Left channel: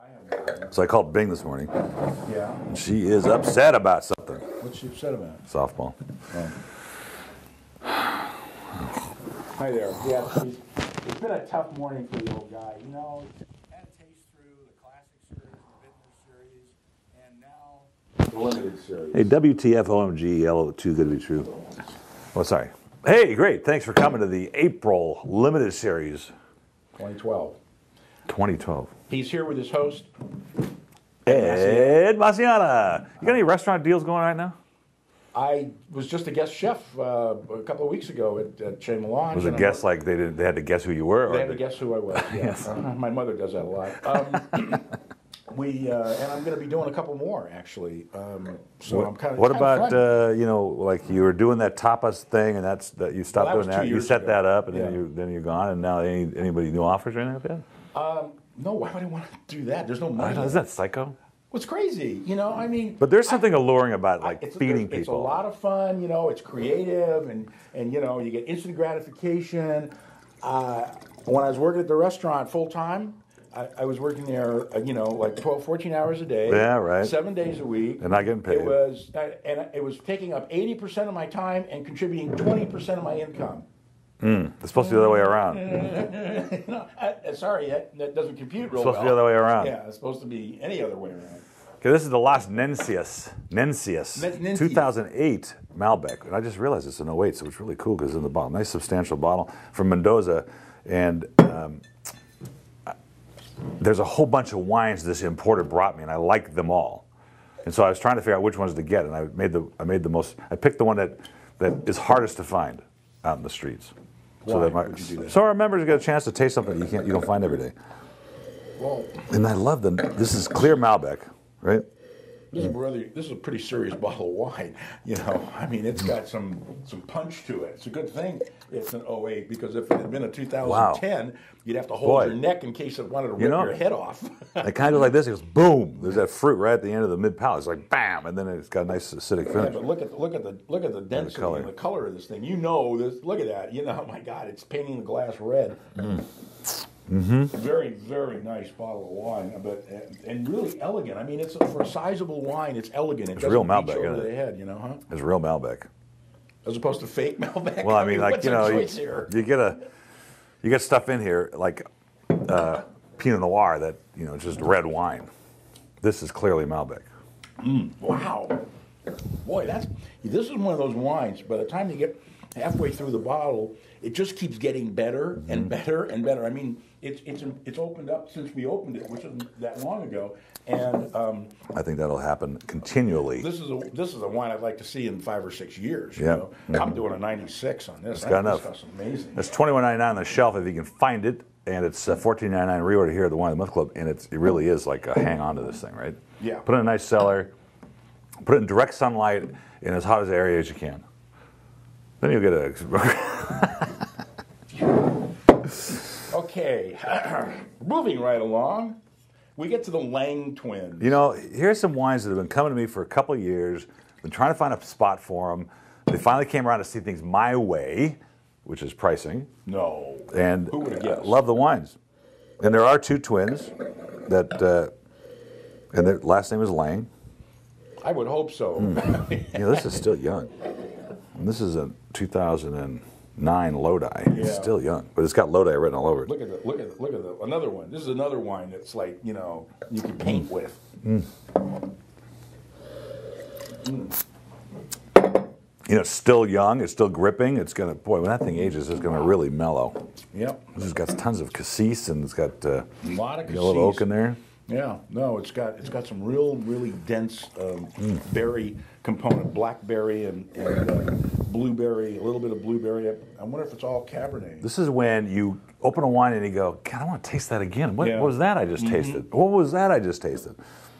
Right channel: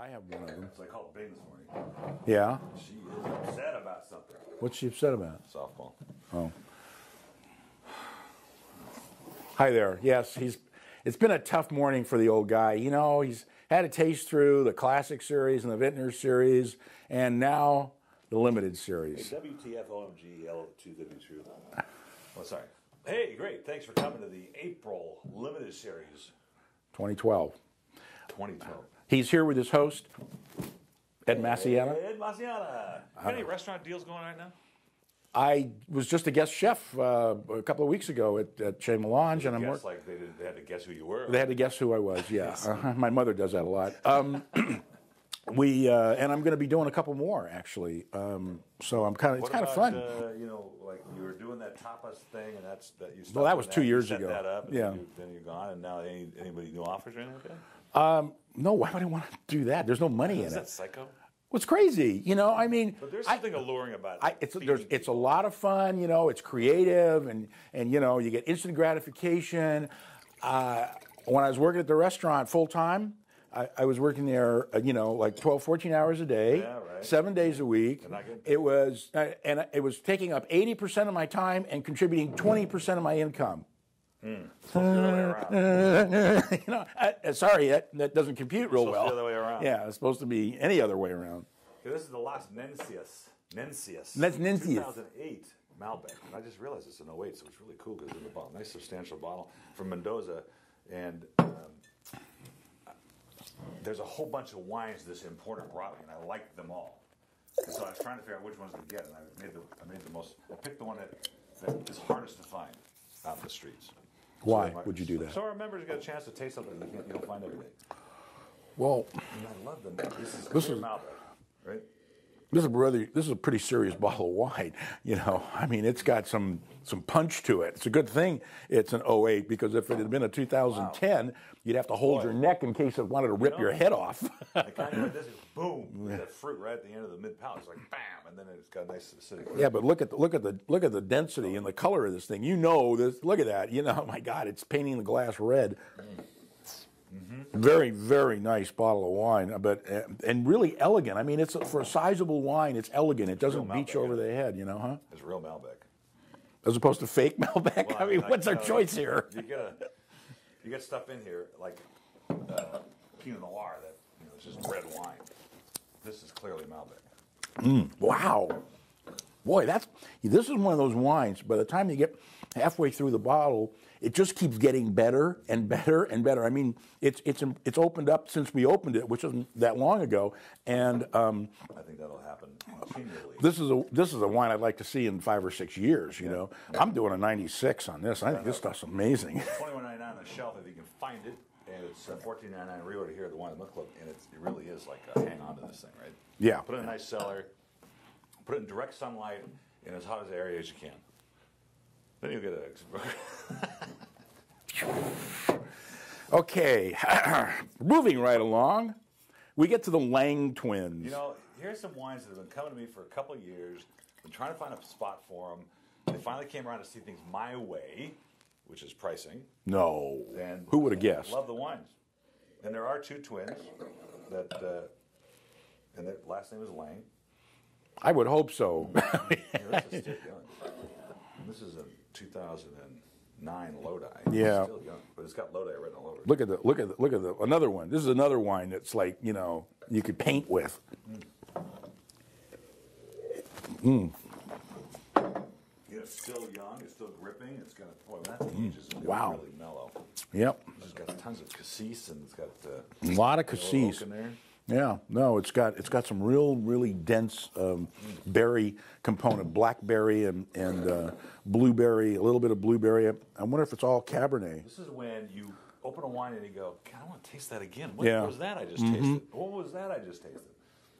I have one. So I called Bing this morning. Yeah. And she is upset about something. What's she upset about? Softball. Hi there. Yes, it's been a tough morning for the old guy. You know, he's had a taste through the Classic Series and the Vintner Series, and now the Limited Series. Hey, WTF OMG, L too good to be true. Oh, sorry. Hey, great. Thanks for coming to the April Limited Series 2012. 2012. He's here with his host, Ed Maciana. You got any restaurant deals going right now? I was just a guest chef a couple of weeks ago at Chez Melange. Was it guess like they had to guess who you were? They had to guess who I was, yeah. My mother does that a lot. And I'm going to be doing a couple more, actually. So I'm kind of. What about like you were doing that tapas thing, and you stopped doing that. You set that up, and then you're gone. And now anybody new offers or anything? No, why would I want to do that? There's no money. Isn't that psycho? What's crazy, you know? I mean, but there's something alluring about feeding people. It's a lot of fun, you know. It's creative, and you know, you get instant gratification. When I was working at the restaurant full time, I was working there, like 12, 14 hours a day. Yeah, right. 7 days a week. And not getting paid. It was taking up 80% of my time and contributing 20% of my income. It's supposed to be the other way around. Sorry, that doesn't compute real well. It's supposed to be the other way around. Yeah, it's supposed to be any other way around. Okay, this is the Las Nencias. 2008 Malbec. And I just realized it's an 08, so it's really cool because it's in the bottle. Nice substantial bottle from Mendoza. And there's a whole bunch of wines this importer brought me, and I liked them all. And so I was trying to figure out which ones to get, and I picked the one that is hardest to find out in the streets. Why would you do that? So our members get a chance to taste something you don't find every day. Well, and I love them. This is clear Malbec, right? This is a pretty serious bottle of wine. You know, I mean, it's got some punch to it. It's a good thing it's an 08 because if it had been a 2010, you'd have to hold your neck in case it wanted to rip your head off. I kind of like this. It goes boom. There's that fruit right at the end of the mid palate. It's like bam, and then it's got a nice acidic finish. Yeah, but look at the density and the color of this thing. You know, look at that. You know, oh my God, it's painting the glass red. Very, very nice bottle of wine, and really elegant. I mean, for a sizable wine, it's elegant. It's real Malbec, over the head, you know, huh? It's real Malbec, as opposed to fake Malbec. Well, I mean, like what's our choice here? You get stuff in here like Pinot Noir that just red wine. This is clearly Malbec. Wow, boy, this is one of those wines. By the time you get halfway through the bottle, it just keeps getting better and better and better. I mean, it's opened up since we opened it, which isn't that long ago, and I think that'll happen continually. This is a wine I'd like to see in 5 or 6 years. You know? I'm doing a 96 on this. I think this stuff's amazing. It's $21.99 on the shelf if you can find it, and it's $14.99 reorder here at the Wine of the Month Club, and it really is like a hang on to this thing, right? Yeah. Put it in a nice cellar, put it in direct sunlight in as hot as area as you can. Then you'll get Okay, moving right along, we get to the Lang twins. You know, here's some wines that have been coming to me for a couple of years. Been trying to find a spot for them. They finally came around to see things my way, which is pricing. No. And who would have guessed? Love the wines. And there are two twins that, and their last name is Lang. I would hope so. This is still young. And this is a 2009 Lodi. Yeah. It's still young, but it's got Lodi written all over it. Look at another one. This is another wine that's like, you can paint with. It's still young. It's still gripping. It's gonna, when that thing ages, it's gonna really mellow. Yep. This has got tons of cassis and it's got a lot of cassis. A little oak in there. Yeah, no, it's got some really dense berry component, blackberry and blueberry, a little bit of blueberry. I wonder if it's all Cabernet. This is when you open a wine and you go, God, I want to taste that again. What was that I just tasted? What was that I just tasted?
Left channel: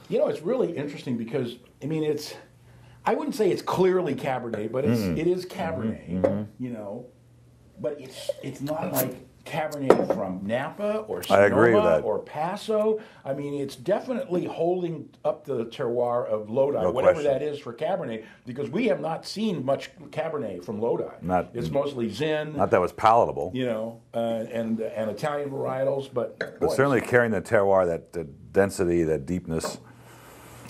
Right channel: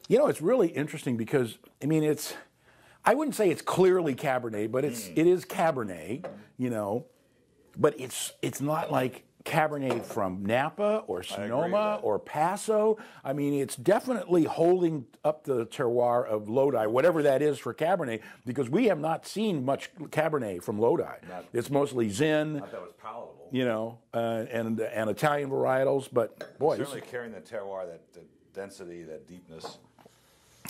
You know, it's really interesting because, I mean, I wouldn't say it's clearly Cabernet, but it is Cabernet, but it's not like Cabernet from Napa or Sonoma or Paso. I mean, it's definitely holding up the terroir of Lodi, whatever that is for Cabernet, because we have not seen much Cabernet from Lodi. It's mostly Zin. Not that was palatable. And Italian varietals, but certainly carrying the terroir that density, that deepness.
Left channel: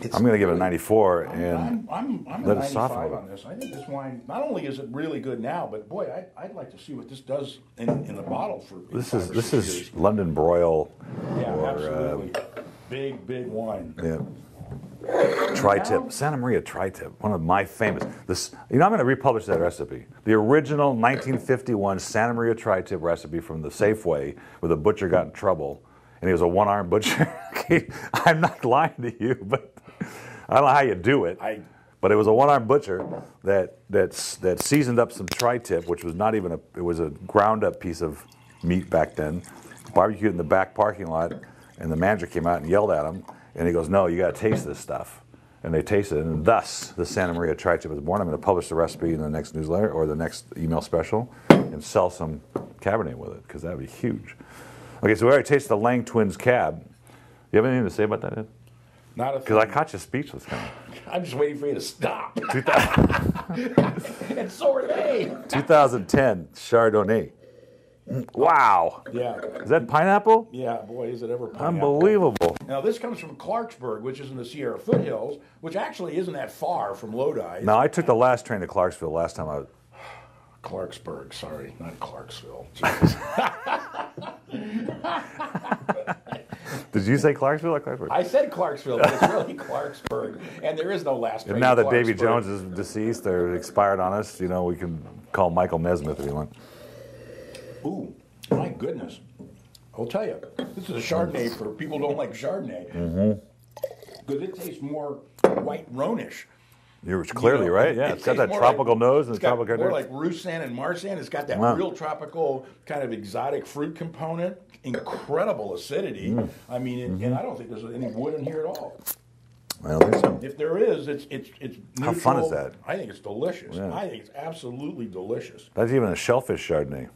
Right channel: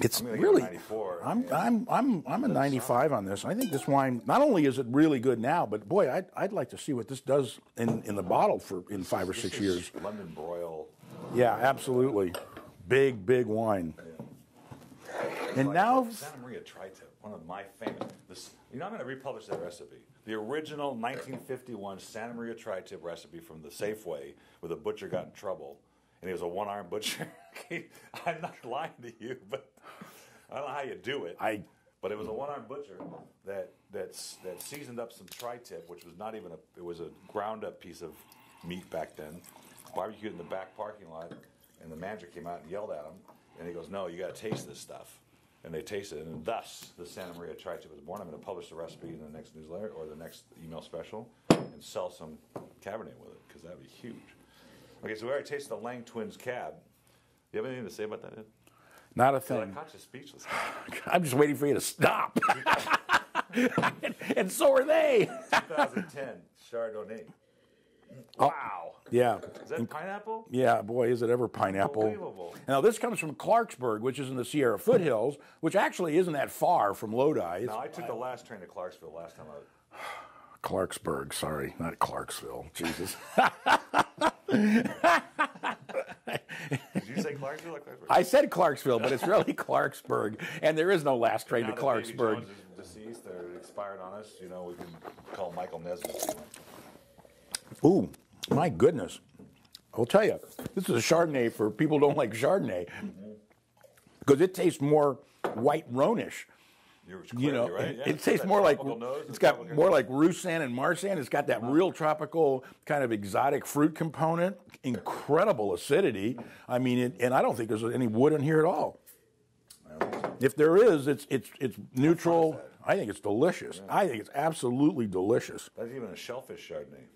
I'm going to give it a 94. I'm a let it soften. 95 on this. I think this wine, not only is it really good now, but boy, I'd like to see what this does in the bottle for This 5 is or 6 this years. is London Broil. Yeah, or, absolutely. Big wine. Yeah. Tri-tip, now- Santa Maria Tri-tip, one of my famous. This, I'm going to republish that recipe. The original 1951 Santa Maria Tri-tip recipe from the Safeway, where the butcher got in trouble, and he was a one-armed butcher. I'm not lying to you, but I don't know how you do it. But it was a one-armed butcher that seasoned up some Tri-tip, which was not even it was a ground-up piece of meat back then, barbecued in the back parking lot, and the manager came out and yelled at him. And he goes, no, you got to taste this stuff. And they tasted it. And thus, the Santa Maria Tri-tip was born. I'm going to publish the recipe in the next newsletter or the next email special and sell some Cabernet with it, because that would be huge. Okay, so we already tasted the Lang Twins Cab. You have anything to say about that, Ed? Not a Because I caught you speechless. I'm just waiting for you to stop. And so are they. 2010 Chardonnay. Wow. Yeah. Is that pineapple? Yeah, boy, is it ever pineapple. Unbelievable. Now, this comes from Clarksburg, which is in the Sierra foothills, which actually isn't that far from Lodi. Now, I took the last train to Clarksville last time I was. Clarksburg, sorry, not Clarksville. Did you say Clarksville or Clarksburg? I said Clarksville, but it's really Clarksburg, and there is no last train And now to that Davy Clarksburg. Jones is deceased, they're expired on us. You know, we can call Michael Nesmith if you want. Ooh, my goodness. I'll tell you, this is a Chardonnay for people who don't like Chardonnay. Because it tastes more white Rhone-ish. You're clearly You know, right. Yeah, it it's got tastes that more tropical like, nose and it's got tropical more nose. like Roussanne and Marsanne. It's got that Wow. real tropical kind of exotic fruit component. Incredible acidity. I mean, and I don't think there's any wood in here at all. I don't think so. If there is, it's neutral. How fun is that? I think it's delicious. Yeah. I think it's absolutely delicious. That's even a shellfish Chardonnay.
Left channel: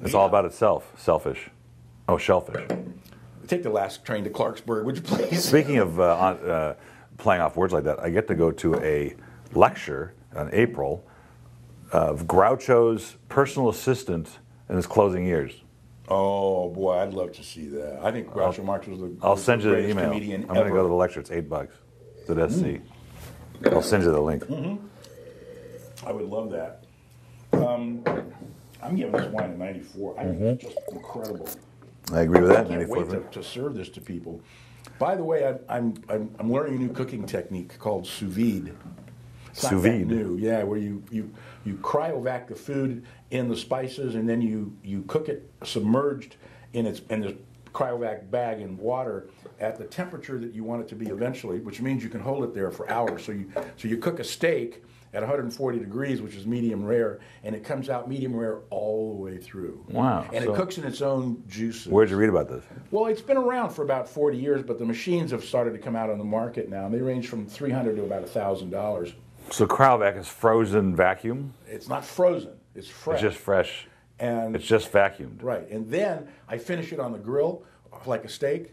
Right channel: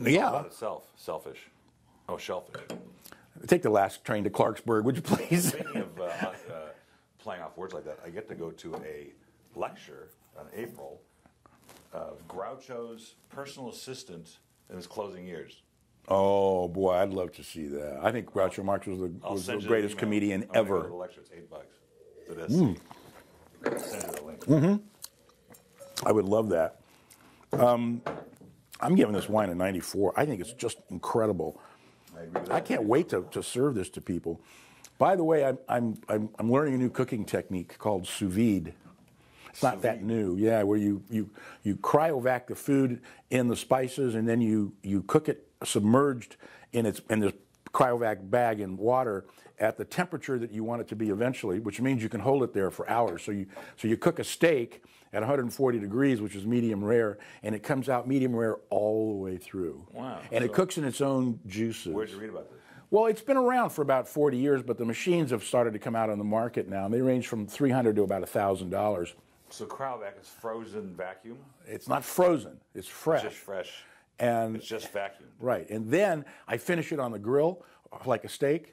It's Yeah. all about itself. Selfish. Oh, shellfish. Take the last train to Clarksburg, would you please? Speaking of playing off words like that, I get to go to a lecture in April of Groucho's personal assistant in his closing years. Oh boy, I'd love to see that. I think Groucho Marx was the I'll send you the greatest email. comedian I'm going to ever. go to the lecture. It's $8. It's at SC. I'll send you the link. I would love that. I'm giving this wine a 94. I think it's just incredible. I agree with that. I can't 94. wait to serve this to people. By the way, I'm learning a new cooking technique called sous vide. It's not Sous that vide? new, yeah, where you cryovac the food in the spices and then you cook it submerged in the cryovac bag in water at the temperature that you want it to be eventually, which means you can hold it there for hours. So you cook a steak at 140 degrees, which is medium rare, and it comes out medium rare all the way through. Wow. And So- it cooks in its own juices. Where'd you read about this? Well, it's been around for about 40 years, but the machines have started to come out on the market now, and they range from $300 to about $1,000. So cryovac is frozen vacuum? It's not frozen; it's fresh. It's just fresh. And It's just vacuumed. right, and then I finish it on the grill like a steak.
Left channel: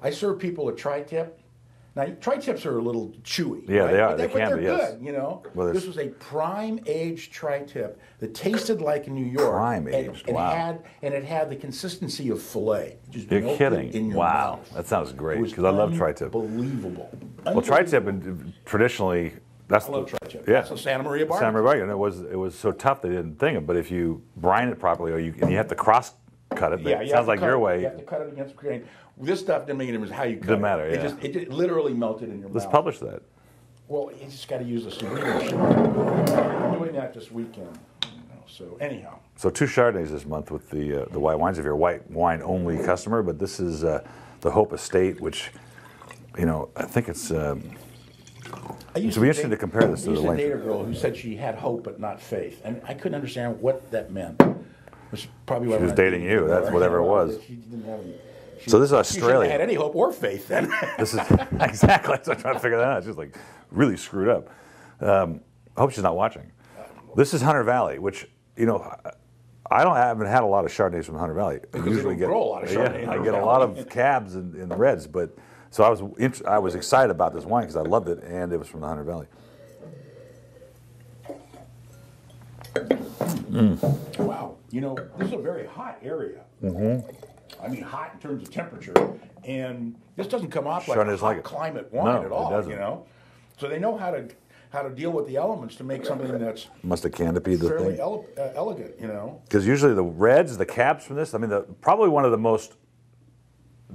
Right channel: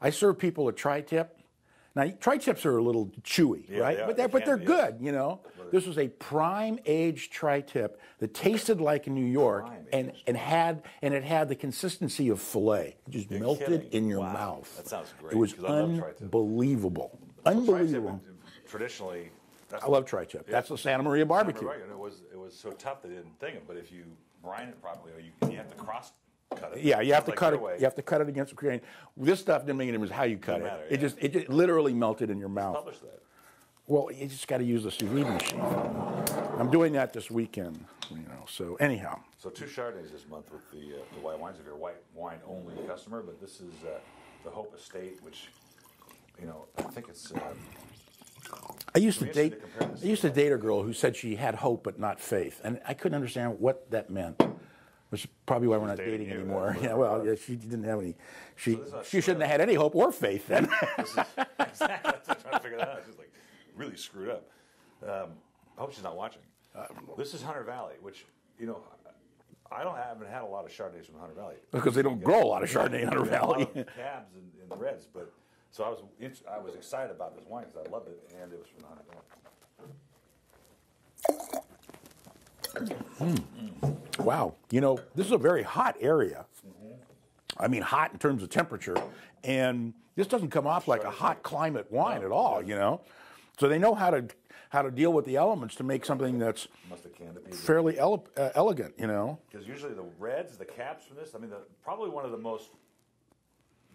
I serve people a tri-tip. Now, tri-tips are a little chewy. Yeah, right? they are. But They but can they're be, good, yes. you know. Well, this was a prime-aged tri-tip that tasted like New York. Prime-aged, and wow. it had the consistency of filet. Just You're melted kidding. in your Wow. mouth. That sounds great, It was 'cause I love tri-tip. Unbelievable. Well, tri-tip Unbelievable. traditionally, that's I love tri-tip. Yeah. That's a Santa Maria barbecue. Santa Maria, and it was so tough they didn't think it. But if you brine it properly, and you have to cross cut it, Yeah, it you have sounds to like cut your it. way. You have to cut it against the grain. This stuff didn't mean it was how you cut Doesn't it. matter, It yeah. just literally melted in your Let's mouth. publish that. Well, you just got to use the sous vide machine. I'm doing that this weekend. So anyhow, So 2 Chardonnays this month with the white wines if you're a white wine only customer. But this is the Hope Estate, which I think it's. I used It'd be interesting to compare this to I used the to length. date a girl who said she had hope but not faith, and I couldn't understand what that meant. Which is probably why She we're was not dating you. That's anymore. whatever it well, was. She didn't have any. So this is She shouldn't Australia. have had any hope or faith then. This is exactly. That's what I'm trying to figure that out. She's like really screwed up. I hope she's not watching. This is Hunter Valley, which I haven't had a lot of Chardonnays from Hunter Valley. I Because they usually don't grow a lot of Chardonnay in Yeah, I Hunter get a lot Valley. of cabs and reds, but so I was excited about this wine because I loved it, and it was from the Hunter Valley. Wow, this is a very hot area. I mean, hot in terms of temperature, and this doesn't come off like a Chardonnay's hot like it. climate wine No, at all. it doesn't. You know, so they know how to deal with the elements to make something that's Must have canopied the fairly thing. elegant. You know, Because usually the reds, the cabs from this, I mean, probably one of the most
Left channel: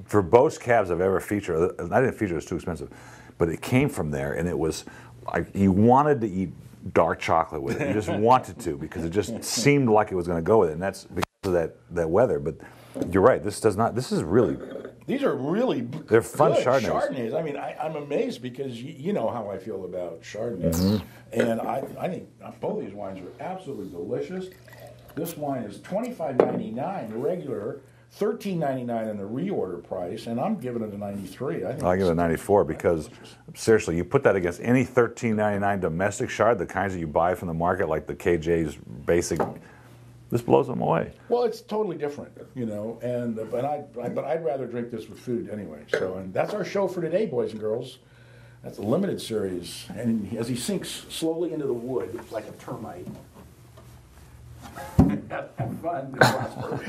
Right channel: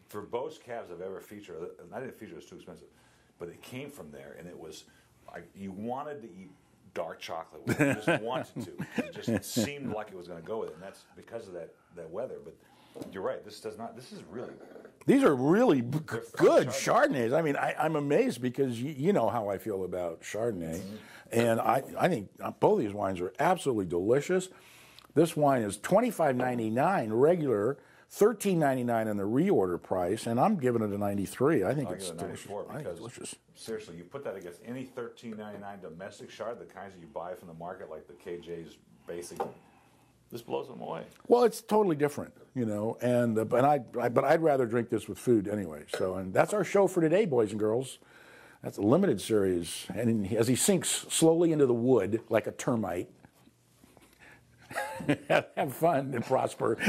verbose cabs I've ever featured. I didn't feature; it was too expensive, but it came from there, and it was like you wanted to eat dark chocolate with it. You just wanted to because it just seemed like it was going to go with it, and that's because of that weather. But you're right; this does not. This is really. these are really They're fun good Chardonnays. I mean, I'm amazed because you know how I feel about Chardonnay, and I think both these wines are absolutely delicious. This wine is $25.99 regular, $13.99 in the reorder price, and I'm giving it a 93. I think I give it a it's 94 because seriously, you put that against any $13.99 domestic Chard, the kinds that you buy from the market, like the KJ's basic. This blows them away. Well, it's totally different, you know, and but I'd rather drink this with food anyway. So, and that's our show for today, boys and girls. That's a limited series, and as he sinks slowly into the wood like a termite. Have fun and prosper.